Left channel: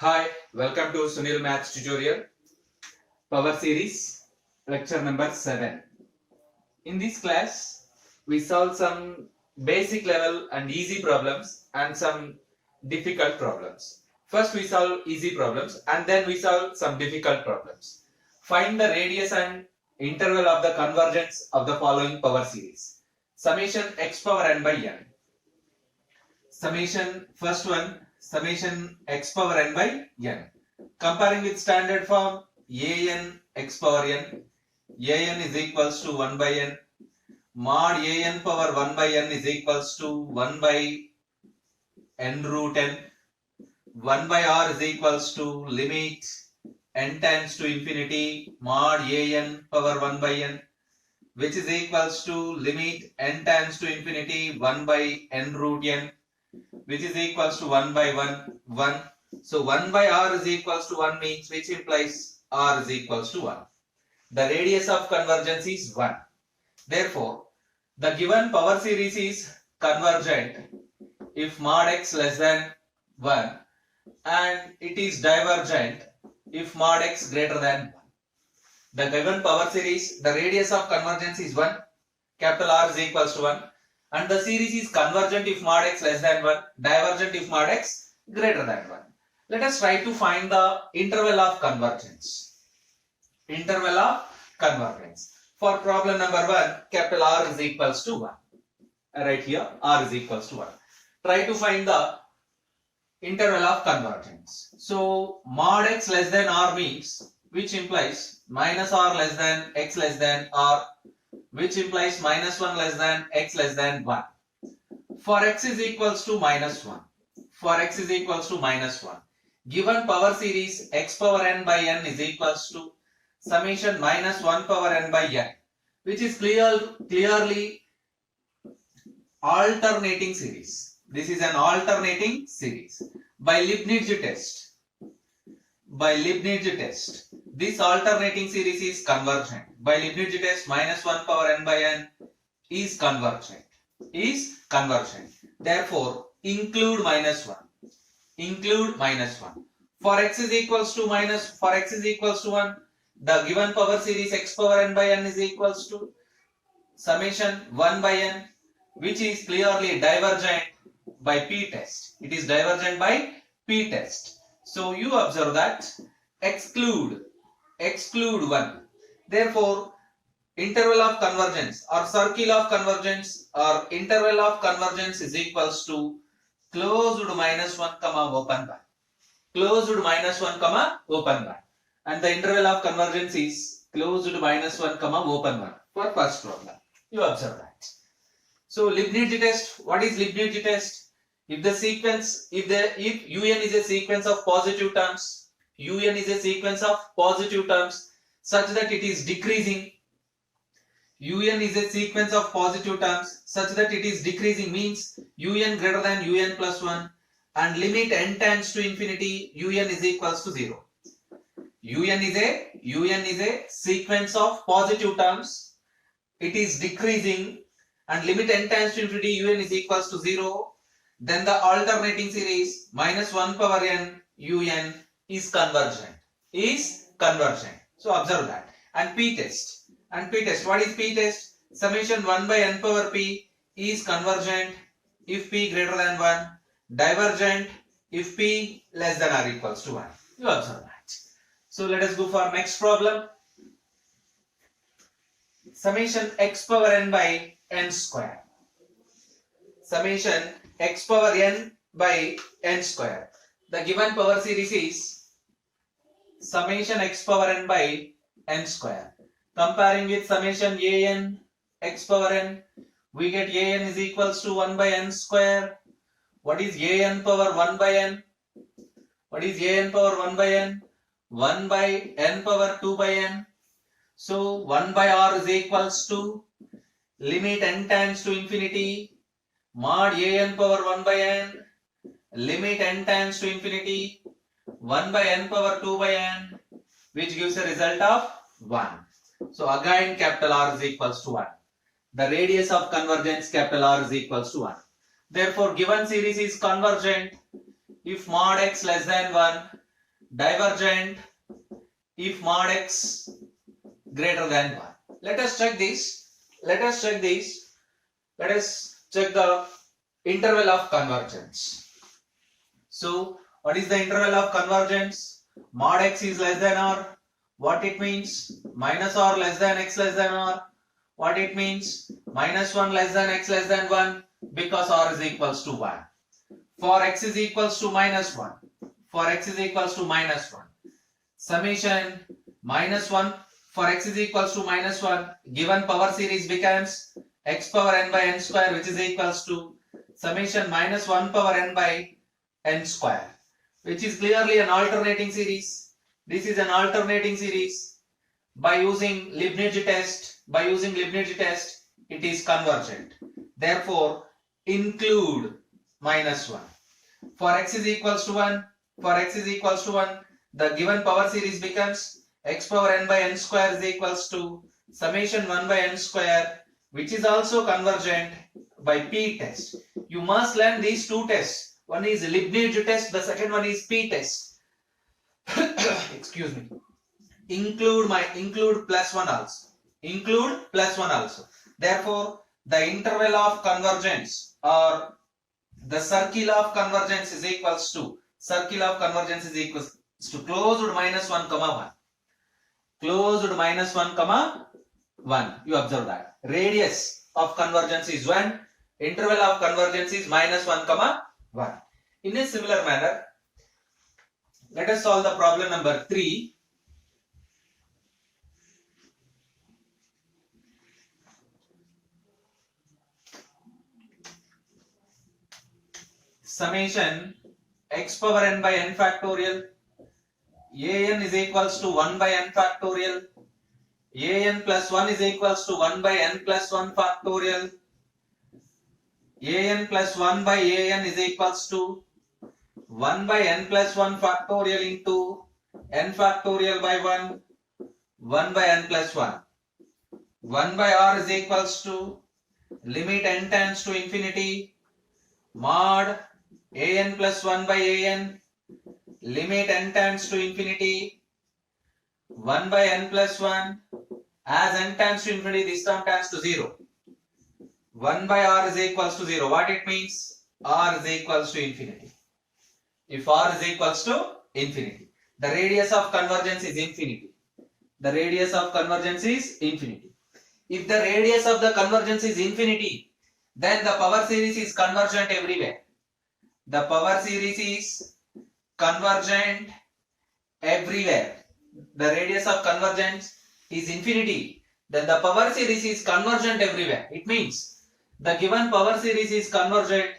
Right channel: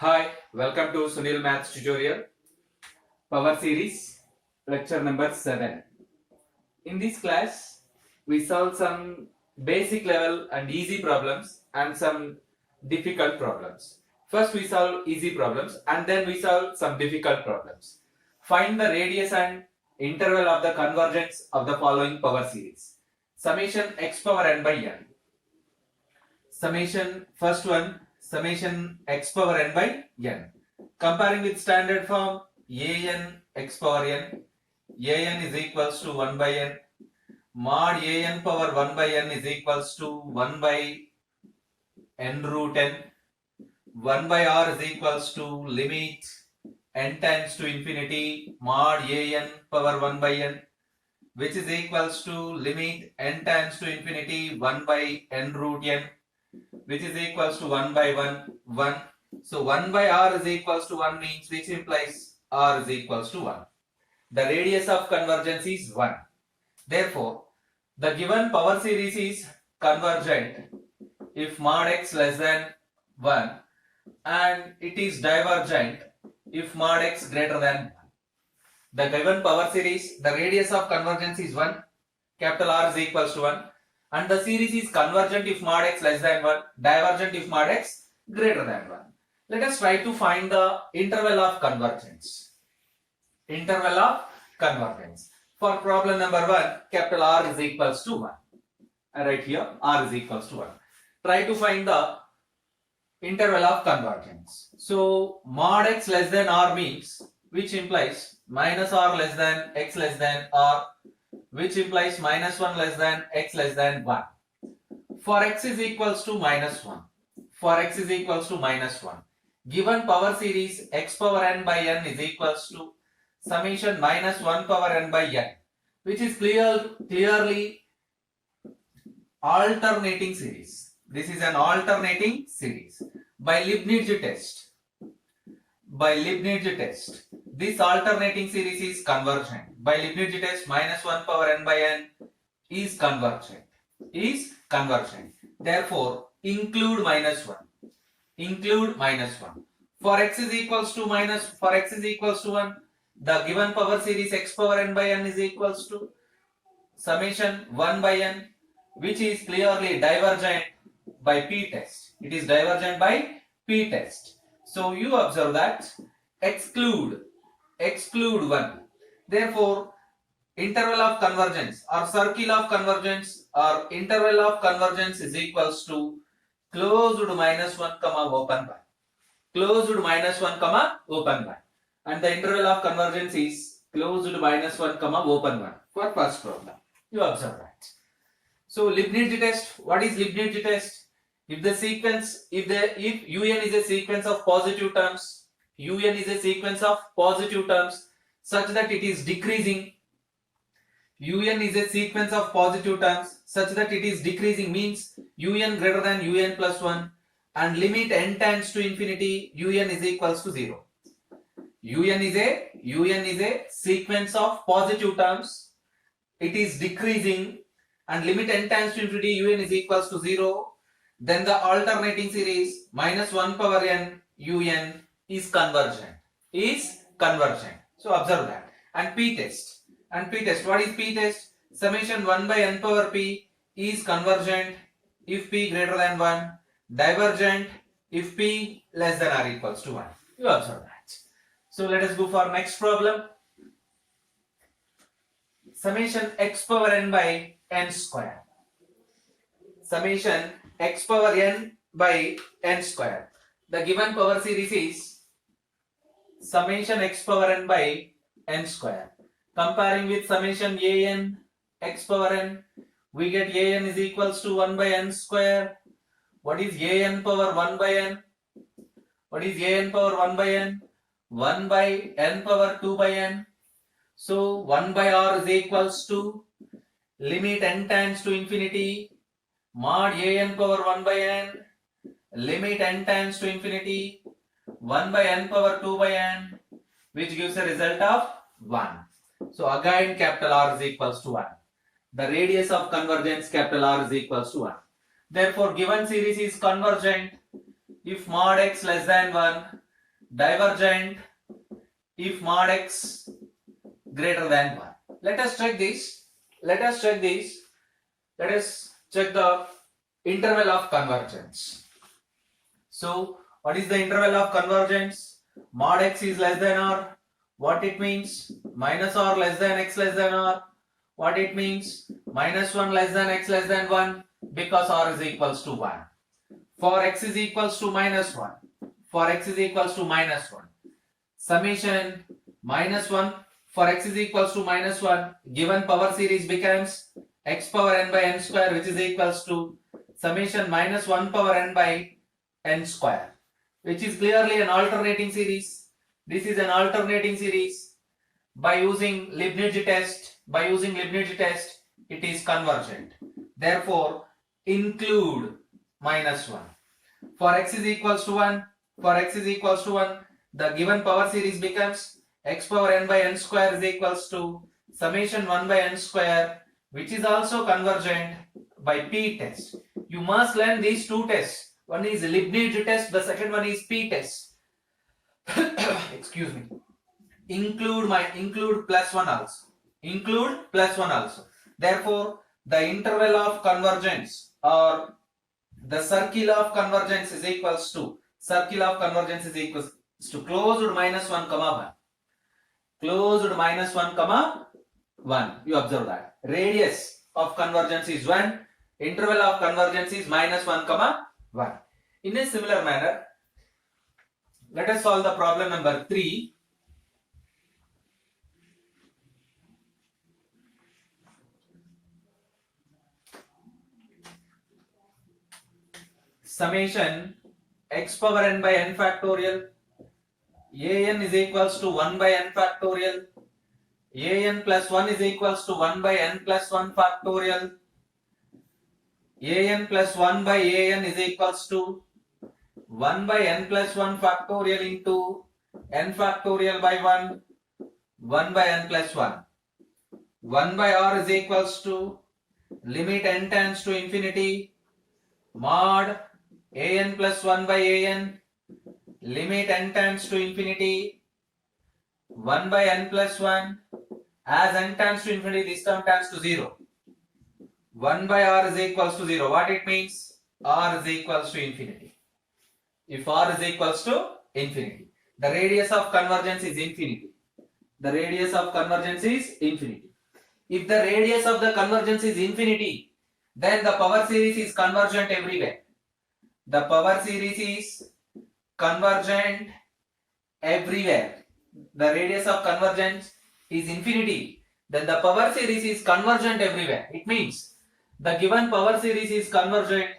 Hi, welcome to Sunil Maths tutorial, Power Series, lecture number 7. In this class, we solve some basic level and easy problems and some difficult problems. First, we solve easy problems and then we solve some difficult problems. Find the radius and interval of the convergence of the following power series. Summation x power n by n. First one, summation x power n by n. Comparing with standard form, an x power n, an is equals to 1 by n, mod an power 1 by n is equals to 1 by n root n, 1 by r is equals to limit n tends to infinity mod an power 1 by n, which is equals to limit n tends to infinity 1 by n root n, which is equals to 1 by 1. So 1 by r is equals to 1 means which implies r is equals to 1. The radius of convergence is 1. Therefore, the given power series is convergent if mod x less than 1 and it is divergent if mod x greater than 1. The given power series, the radius of convergence is 1, capital R is equals to 1, and the series is convergent if mod x less than 1, divergent if mod x greater than 1. Let us try to find the interval of convergence. Interval of convergence. For problem number 1, capital R is equals to 1. Right here, R is equals to 1. Try to find the interval of convergence. So, mod x less than R means, which implies minus R less than x less than R, which implies minus 1 less than x less than 1. For x is equals to minus 1. For x is equals to minus 1. Given power series x power n by n is equals to summation minus 1 power n by n, which is clearly alternating series. This is an alternating series. By Leibniz test, this alternating series is convergent. By Leibniz test, minus 1 power n by n is convergent. Therefore, include minus 1. For x is equals to 1, the given power series x power n by n is equals to summation 1 by n, which is clearly divergent by p test. It is divergent by p test. So you observe that exclude 1. Therefore, interval of convergence or circle of convergence or interval of convergence is equals to closed minus 1 comma open bar. Closed minus 1 comma open bar. And the interval of convergence is closed minus 1 comma open bar for first problem. You observe that. So Leibniz test, what is Leibniz test? If un is a sequence of positive terms, such that it is decreasing, means un greater than un plus 1 and limit n tends to infinity, un is equals to 0. un is a sequence of positive terms, it is decreasing and limit n tends to infinity, un is equals to 0. Then the alternating series minus 1 power n un is convergent. So observe that. And p test. What is p test? Summation 1 by n power p is convergent if p greater than 1, divergent if p less than or equals to 1. You observe that. So let us go for next problem. Summation x power n by n square. Summation x power n by n square. The given power series is summation x power n by n square. Comparing with summation an x power n, we get an is equals to 1 by n square. What is an power 1 by n? 1 by n power 2 by n. So 1 by r is equals to limit n tends to infinity mod an power 1 by n, limit n tends to infinity 1 by n power 2 by n, which gives a result of 1. So again capital R is equals to 1. The radius of convergence capital R is equals to 1. Therefore, given series is convergent if mod x less than 1 divergent if mod x greater than 1. Let us check this. Let us check the interval of convergence. So what is the interval of convergence? Mod x is less than r. What it means? Minus r less than x less than r. What it means? Minus 1 less than x less than 1, because r is equals to 1. For x is equals to minus 1. For x is equals to minus 1. Summation minus 1 for x is equals to minus 1. Given power series becomes x power n by n square, which is equals to summation minus 1 power n by n square, which is clearly an alternating series. This is an alternating series. By using Leibniz test, it is convergent. Therefore, include minus 1. For x is equals to 1, the given power series becomes x power n by n square is equals to summation 1 by n square, which is also convergent by P test. You must learn these two tests. One is Leibniz test, the second one is P test. Excuse me. Include plus 1 also. Therefore, the interval of convergence or the circle of convergence is equals to closed minus 1 comma 1. Closed minus 1 comma 1. You observe that. Radius of convergence is 1. Interval of convergence is minus 1 comma 1. In a similar manner, let us solve the problem number 3. Summation x power n by n factorial an is equals to 1 by n factorial an plus 1 is equals to 1 by n plus 1 factorial an plus 1 by an is equals to 1 by n plus 1 factorial into n factorial by 1 by n plus 1. 1 by r is equals to limit n tends to infinity mod an plus 1 by an, limit n tends to infinity 1 by n plus 1. As n tends to infinity, this term tends to 0. 1 by r is equals to 0. What it means? R is equals to infinity. If r is equals to infinity, the radius of convergence is infinity. The radius of convergence is infinity. If the radius of the convergence is infinity, then the power series is convergent everywhere. The power series is convergent everywhere. The radius of convergence is infinity, then the power series is convergent everywhere. It means the given power series is convergent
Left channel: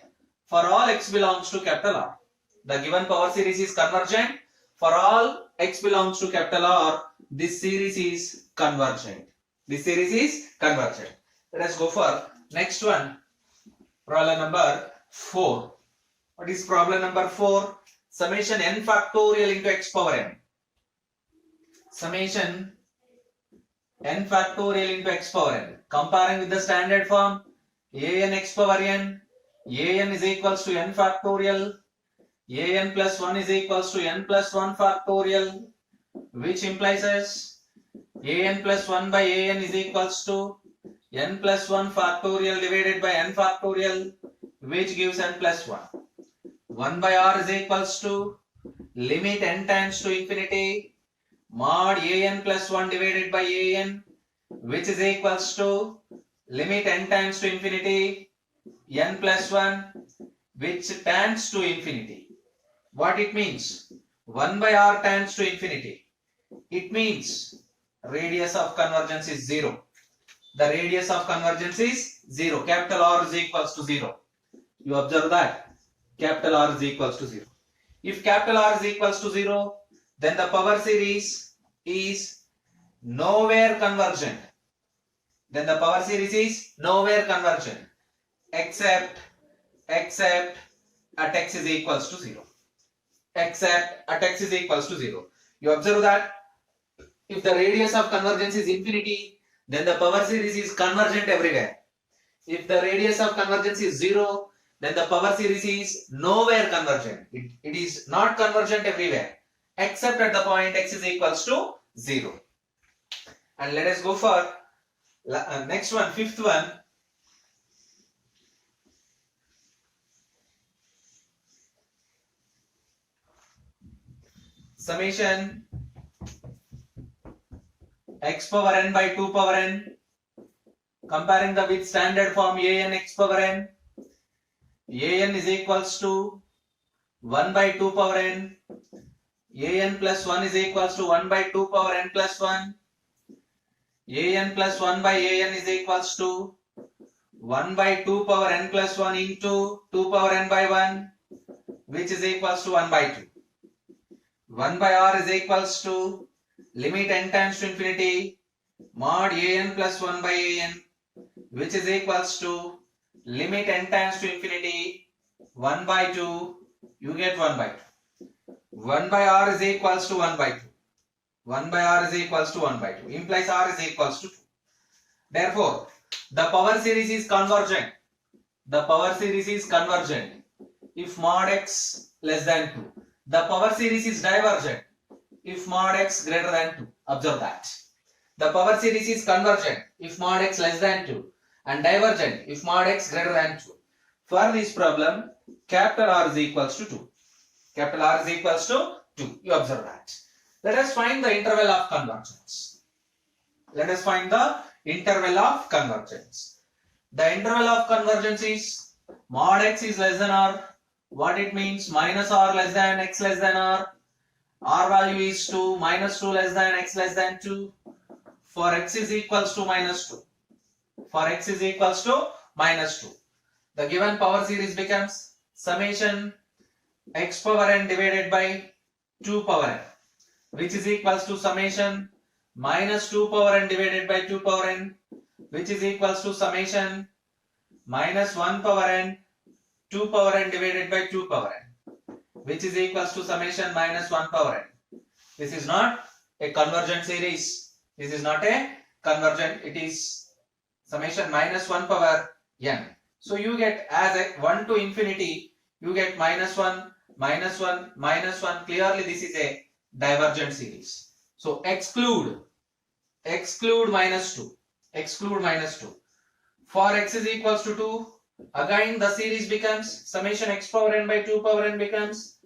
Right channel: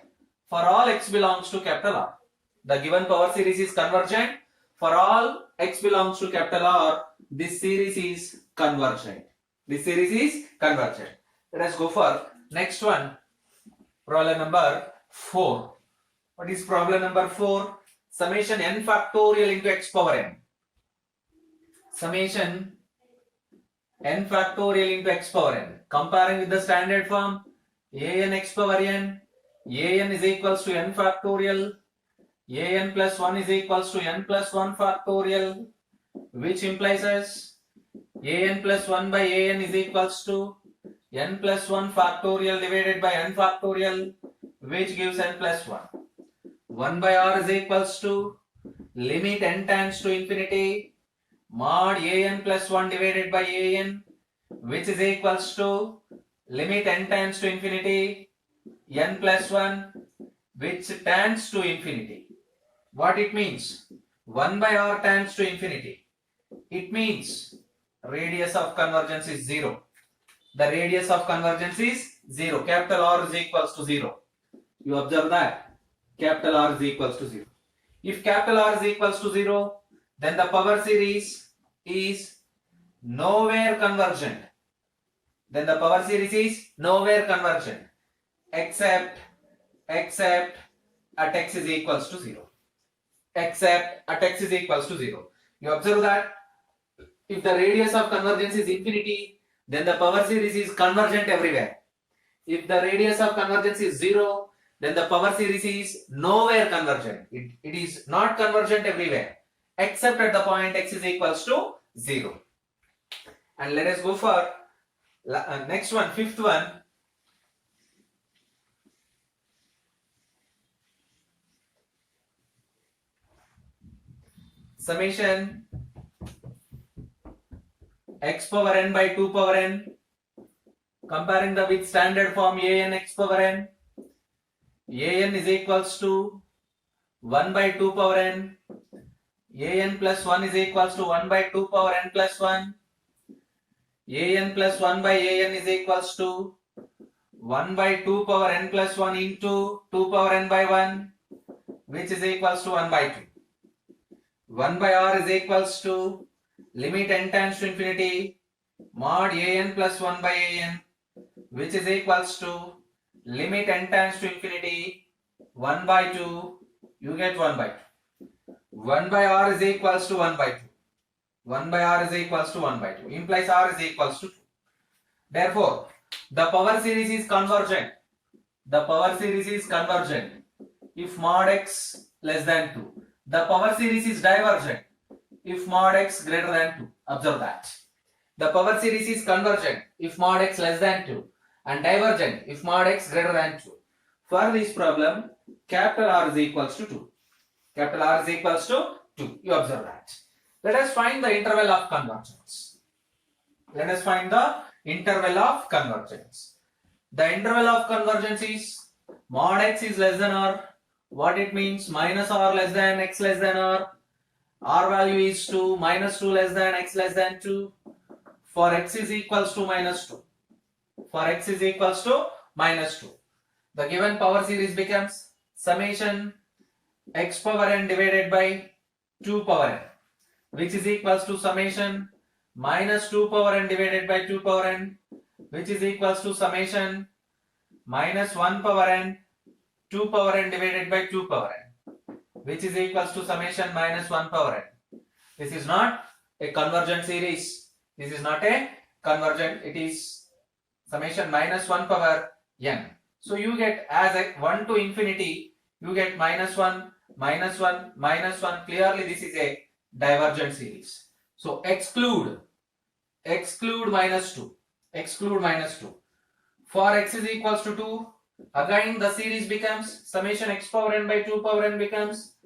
for all x belongs to capital R. The given power series is convergent for all x belongs to capital R. This series is convergent. Let us go for next one. Problem number 4. What is problem number 4? Summation n factorial into x power n. Summation n factorial into x power n. Comparing with the standard form, an x power n, an is equals to n factorial, an plus 1 is equals to n plus 1 factorial, which implies as an plus 1 by an is equals to n plus 1 factorial divided by n factorial, which gives n plus 1. 1 by r is equals to limit n tends to infinity mod an plus 1 divided by an, which is equals to limit n tends to infinity n plus 1, which tends to infinity. What it means? 1 by r tends to infinity. It means radius of convergence is 0. The radius of convergence is 0. Capital R is equals to 0. You observe that. Capital R is equals to 0. If capital R is equals to 0, then the power series is nowhere convergent. Except at x is equals to 0. You observe that if the radius of convergence is infinity, then the power series is convergent everywhere. If the radius of convergence is 0, then the power series is nowhere convergent. It is not convergent everywhere except at the point x is equals to 0. And let us go for next one, fifth one. Summation x power n by 2 power n, comparing the with standard form a n x power n. A n is equals to 1 by 2 power n. A n plus 1 is equals to 1 by 2 power n plus 1. A n plus 1 by a n is equals to 1 by 2 power n plus 1 into 2 power n by 1, which is equals to 1 by 2. 1 by r is equals to limit n tends to infinity mod a n plus 1 by a n, which is equals to limit n tends to infinity 1 by 2. You get 1 by 2. 1 by r is equals to 1 by 2. 1 by r is equals to 1 by 2. Implies r is equals to 2. Therefore, the power series is convergent. The power series is convergent if mod x less than 2. The power series is divergent if mod x greater than 2. Observe that. The power series is convergent if mod x less than 2 and divergent if mod x greater than 2. For this problem, capital R is equals to 2. Capital R is equals to 2. You observe that. Let us find the interval of convergence. Let us find the interval of convergence. The interval of convergence is mod x is less than r. What it means? Minus r less than x less than r. R value is 2, minus 2 less than x less than 2. For x is equals to minus 2. For x is equals to minus 2. The given power series becomes summation x power n divided by 2 power n, which is equals to summation minus 2 power n divided by 2 power n, which is equals to summation minus 1 power n 2 power n divided by 2 power n, which is equals to summation minus 1 power n. This is not a convergent series. This is not a convergent. It is summation minus 1 power n. So you get as a 1 to infinity, you get minus 1, minus 1, minus 1. Clearly this is a divergent series. So exclude minus 2. Exclude minus 2. For x is equals to 2, again the series becomes summation x power n by 2 power n becomes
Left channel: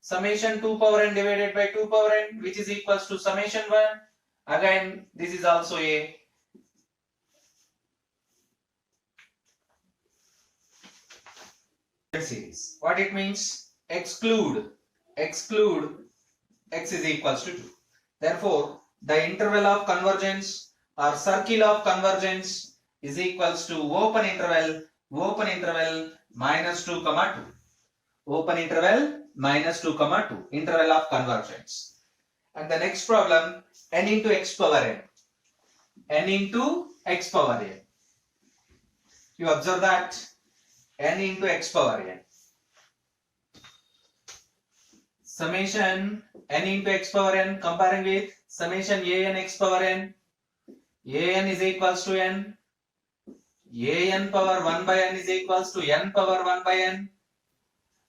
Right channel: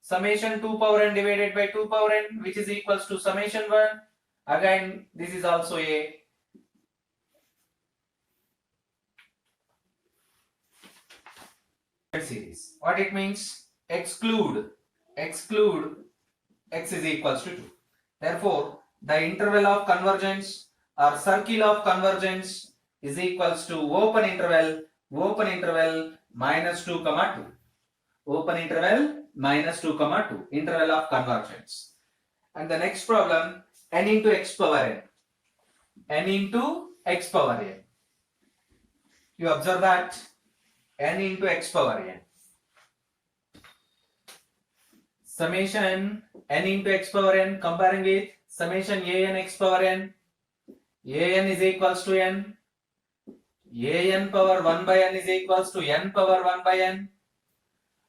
summation 2 power n divided by 2 power n, which is equals to summation 1. Again this is also a series. What it means? Exclude x is equals to 2. Therefore, the interval of convergence or circle of convergence is equals to open interval minus 2 comma 2. Open interval minus 2 comma 2. Interval of convergence. And the next problem, n into x power n. N into x power n. You observe that n into x power n. Summation n into x power n comparing with summation a n x power n. A n is equals to n. A n power 1 by n is equals to n power 1 by n,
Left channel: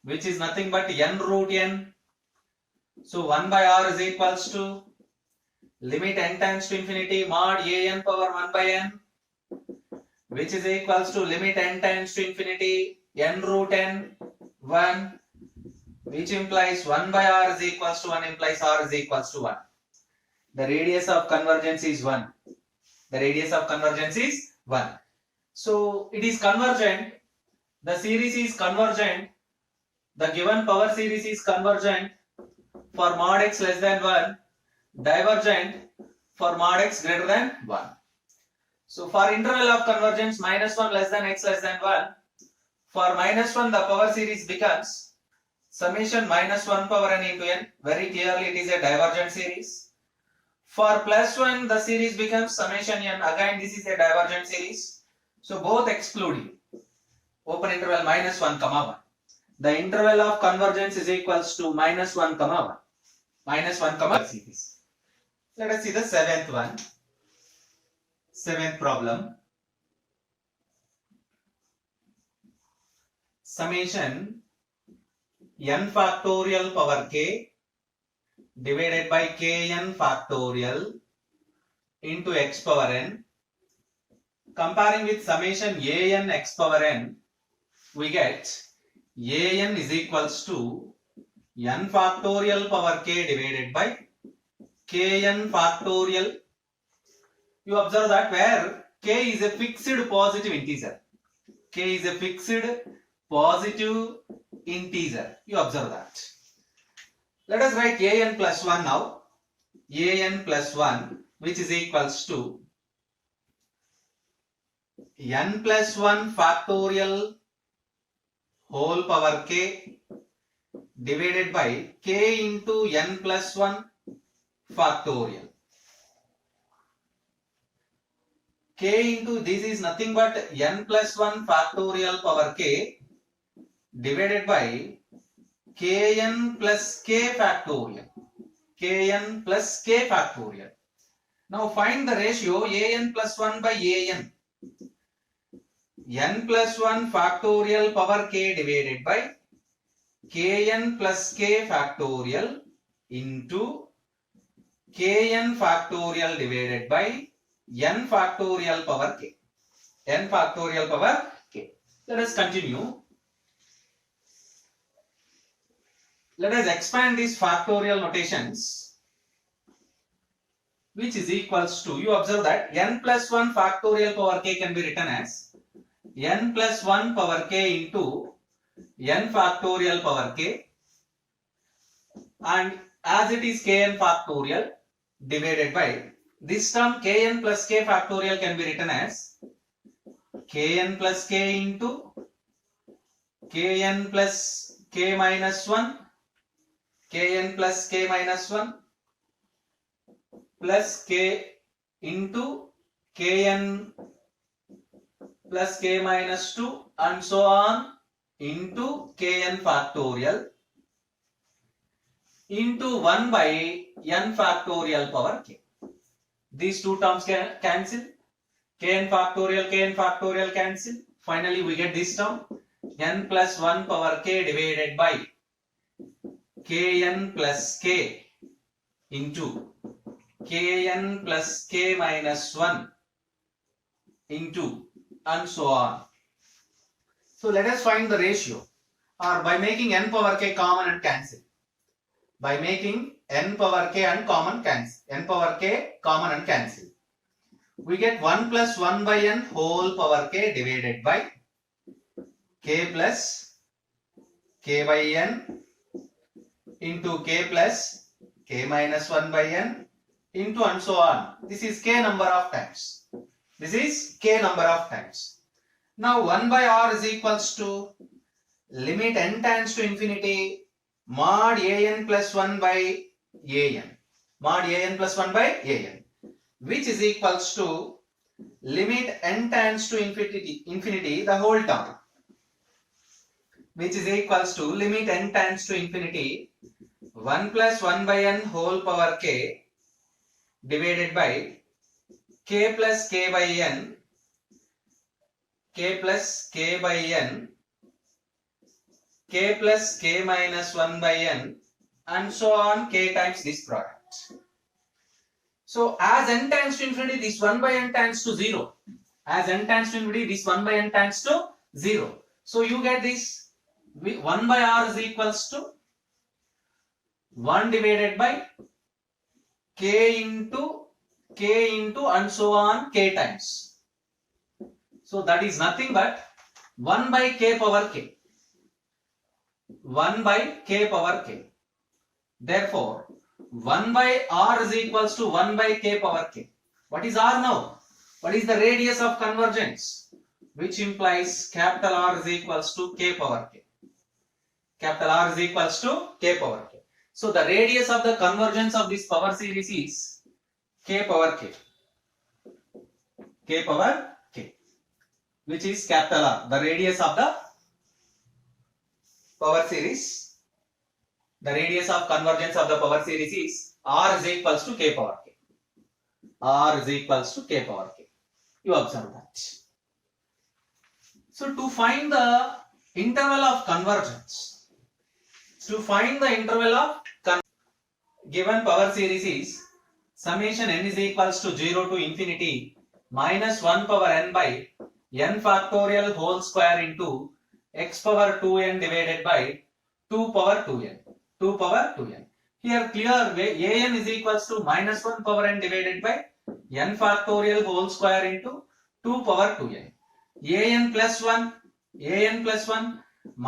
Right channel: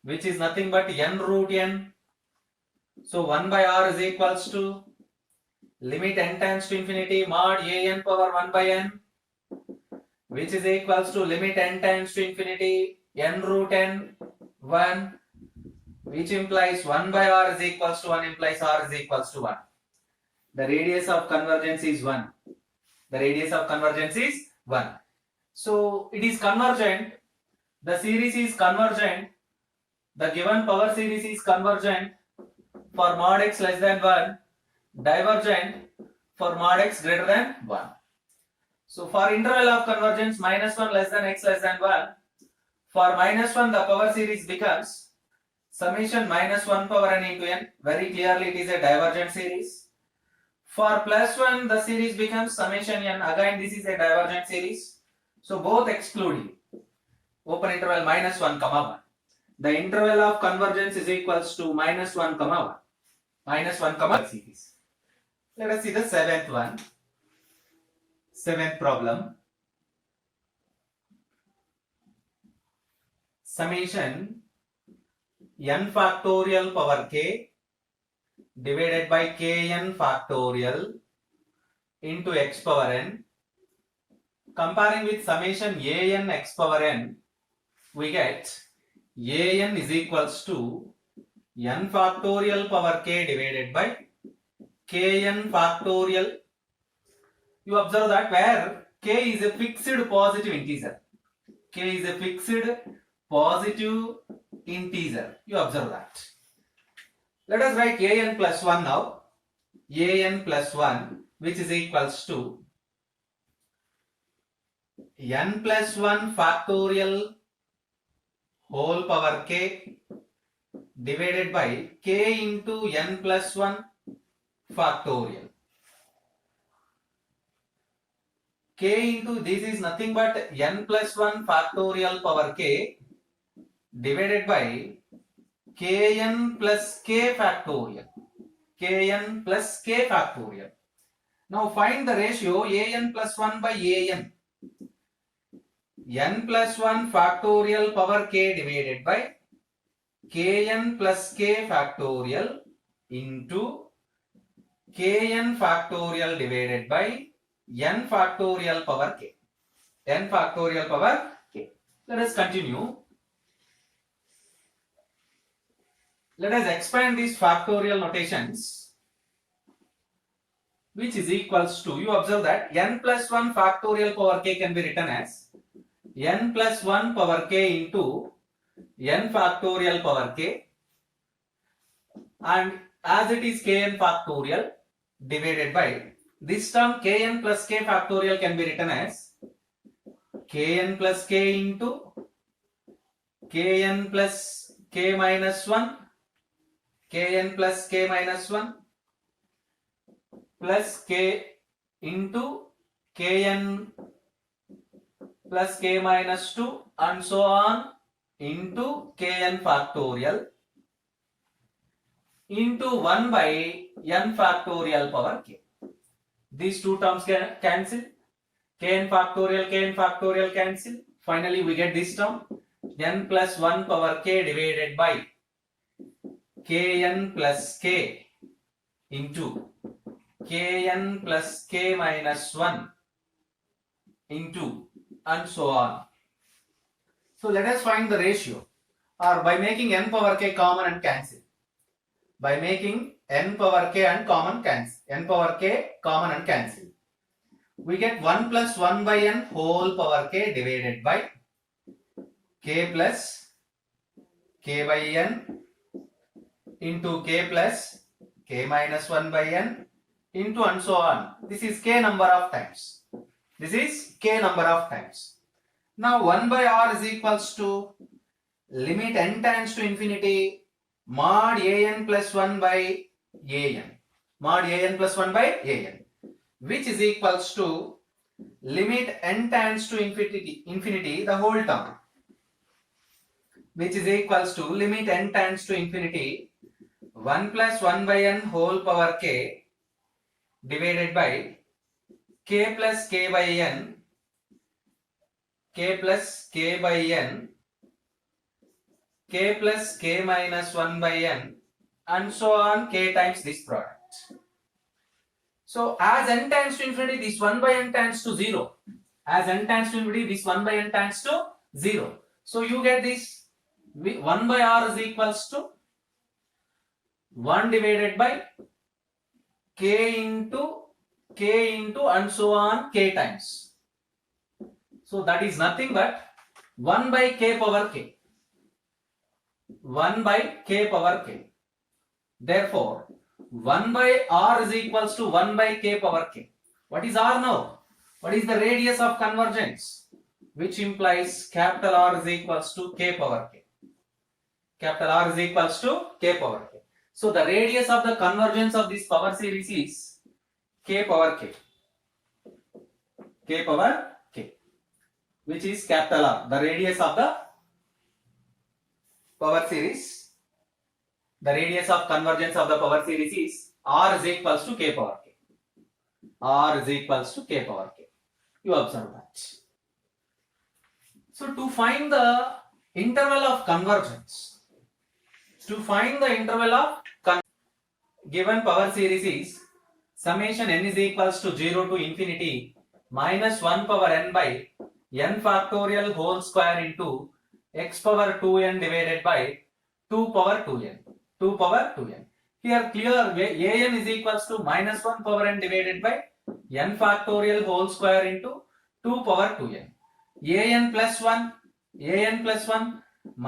which is nothing but n root n. So 1 by r is equals to limit n tends to infinity mod a n power 1 by n, which is equals to limit n tends to infinity n root n 1, which implies 1 by r is equals to 1 implies r is equals to 1. The radius of convergence is 1. The radius of convergence is 1. So it is convergent. The series is convergent. The given power series is convergent for mod x less than 1, divergent for mod x greater than 1. So for interval of convergence minus 1 less than x less than 1, for minus 1 the power series becomes summation minus 1 power n into n. Very clearly it is a divergent series. For plus 1 the series becomes summation n. Again this is a divergent series. So both excluding. Open interval minus 1 comma 1. The interval of convergence is equals to minus 1 comma 1. Minus 1 comma series. Let us see the seventh one. Seventh problem. Summation n factorial power k divided by kn factorial into x power n. Comparing with summation an x power n, we get an is equals to n factorial power k divided by kn factorial. You observe that where k is a fixed positive integer. K is a fixed positive integer. You observe that. Let us write an plus 1 now. An plus 1, which is equals to n plus 1 factorial whole power k divided by k into n plus 1 factorial. K into this is nothing but n plus 1 factorial power k divided by kn plus k factorial. Kn plus k factorial. Now find the ratio an plus 1 by an. N plus 1 factorial power k divided by kn plus k factorial into kn factorial divided by n factorial power k. N factorial power k. Let us continue. Let us expand these factorial notations, which is equals to, you observe that n plus 1 factorial power k can be written as n plus 1 power k into n factorial power k, and as it is kn factorial divided by this term kn plus k factorial can be written as kn plus k into kn plus k minus 1, kn plus k minus 1 plus k into kn plus k minus 2 and so on into kn factorial into 1 by n factorial power k. These two terms can cancel. Kn factorial cancel. Finally, we get this term n plus 1 power k divided by kn plus k into kn plus k minus 1 into and so on. So let us find the ratio, or by making n power k common and cancel. By making n power k and common cancel. N power k common and cancel. We get 1 plus 1 by n whole power k divided by k plus k by n into k plus k minus 1 by n into and so on. This is k number of times. This is k number of times. Now 1 by r is equals to limit n tends to infinity mod an plus 1 by an. Mod an plus 1 by an, which is equals to limit n tends to infinity the whole term, which is equals to limit n tends to infinity 1 plus 1 by n whole power k divided by k plus k by n, k plus k by n, k plus k minus 1 by n and so on k times this product. So as n tends to infinity, this 1 by n tends to 0. As n tends to infinity, this 1 by n tends to 0. So you get this 1 by r is equals to 1 divided by k into and so on k times. So that is nothing but 1 by k power k. 1 by k power k. Therefore, 1 by r is equals to 1 by k power k. What is r now? What is the radius of convergence? Which implies capital R is equals to k power k. Capital R is equals to k power k. So the radius of the convergence of this power series is k power k. K power k, which is capital R. The radius of the power series, the radius of convergence of the power series is r is equals to k power k. R is equals to k power k. You observe that. So to find the interval of convergence, given power series is summation n is equals to 0 to infinity minus 1 power n by n factorial whole square into x power 2n divided by 2 power 2n. 2 power 2n. Here clear an is equals to minus 1 power n divided by n factorial whole square into 2 power 2n. an plus 1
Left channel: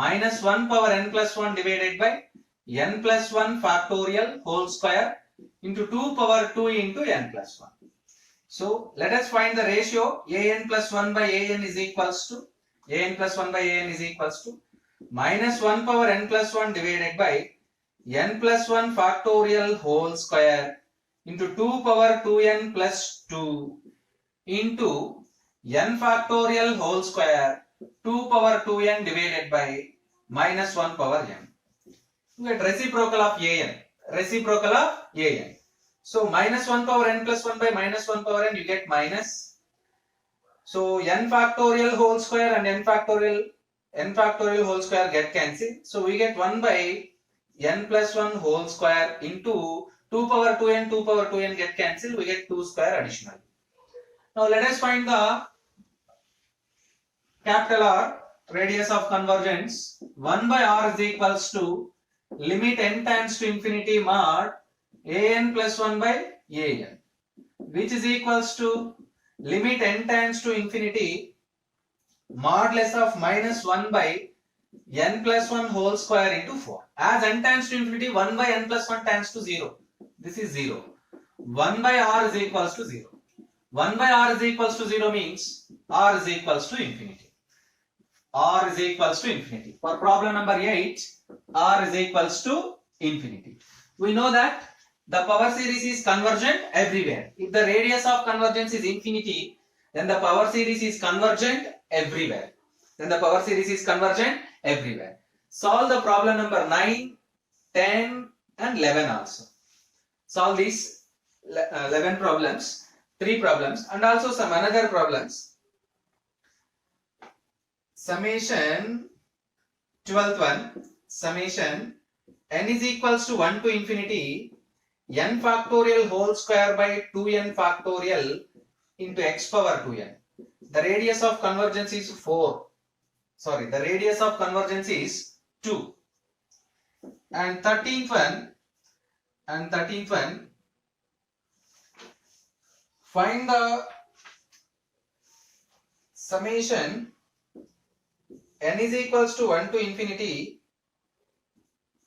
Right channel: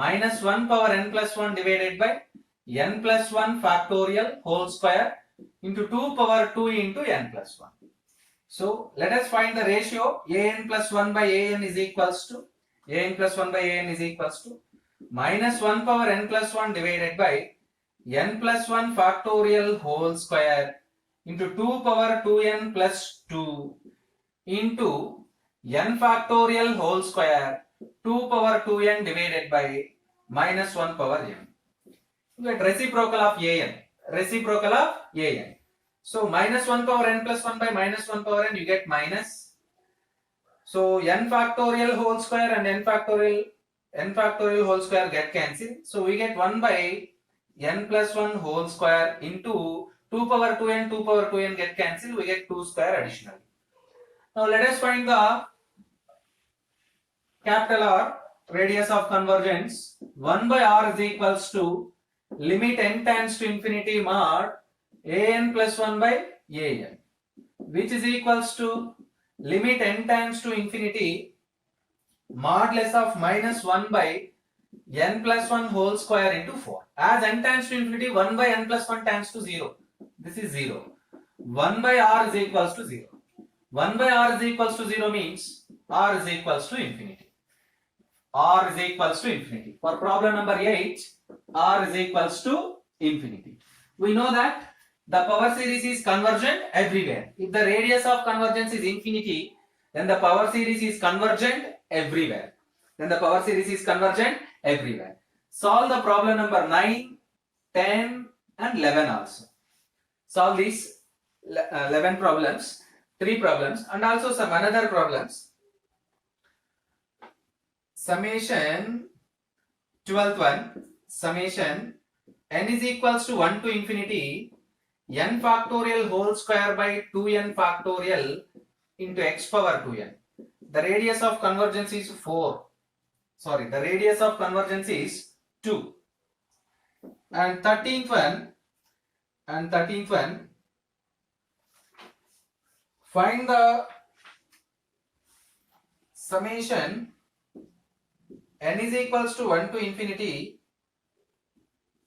minus 1 power n plus 1 divided by n plus 1 factorial whole square into 2 power 2 into n plus 1. So let us find the ratio an plus 1 by an is equals to minus 1 power n plus 1 divided by n plus 1 factorial whole square into 2 power 2n plus 2 into n factorial whole square 2 power 2n divided by minus 1 power n. You get reciprocal of an. So minus 1 power n plus 1 by minus 1 power n, you get minus. So n factorial whole square and n factorial whole square get cancelled. So we get 1 by n plus 1 whole square into 2 power 2n get cancelled. We get 2 square additional. Now let us find the capital R, radius of convergence. 1 by r is equals to limit n tends to infinity mod an plus 1 by an, which is equals to limit n tends to infinity modulus of minus 1 by n plus 1 whole square into 4. As n tends to infinity, 1 by n plus 1 tends to 0. This is 0. 1 by r is equals to 0. 1 by r is equals to 0 means r is equals to infinity. R is equals to infinity. For problem number 8, r is equals to infinity. We know that the power series is convergent everywhere. If the radius of convergence is infinity, then the power series is convergent everywhere. Solve the problem number 9, 10 and 11 also. Solve these 11 problems, 3 problems and also some another problems. Summation 12th one, summation n is equals to 1 to infinity n factorial whole square by 2n factorial into x power 2n. The radius of convergence is 4. Sorry, the radius of convergence is 2. And 13th one, find the summation n is equals to 1 to infinity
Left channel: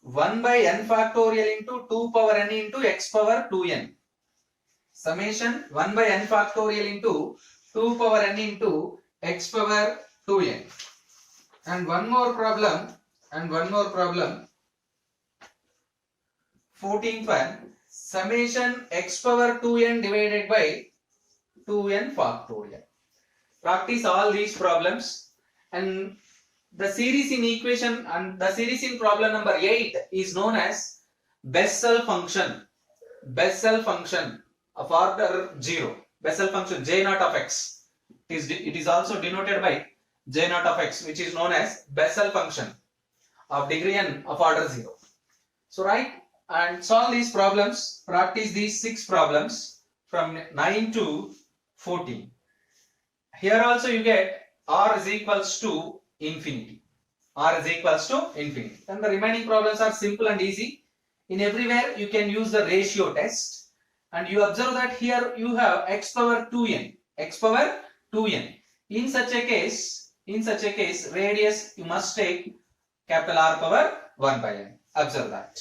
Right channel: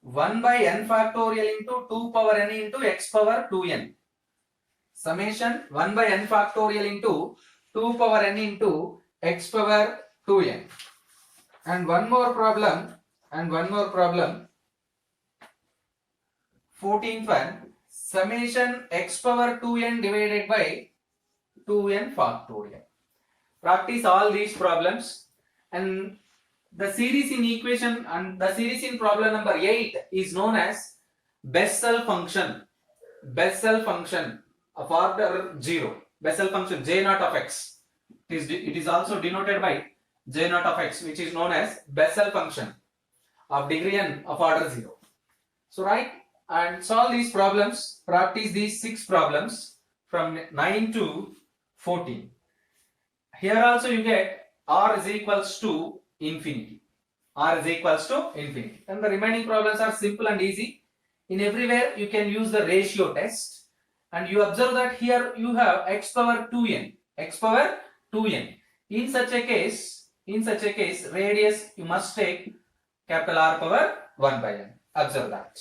1 by n factorial into 2 power n into x power 2n. Summation 1 by n factorial into 2 power n into x power 2n. And one more problem. 14th one, summation x power 2n divided by 2n factorial. Practice all these problems, and the series in equation and the series in problem number 8 is known as Bessel function of order 0. Bessel function J naught of x. It is also denoted by J naught of x, which is known as Bessel function of degree n of order 0. So write and solve these problems. Practice these 6 problems from 9 to 14. Here also you get r is equals to infinity. And the remaining problems are simple and easy. In everywhere you can use the ratio test, and you observe that here you have x power 2n. In such a case, radius you must take capital R power 1 by n. Observe that.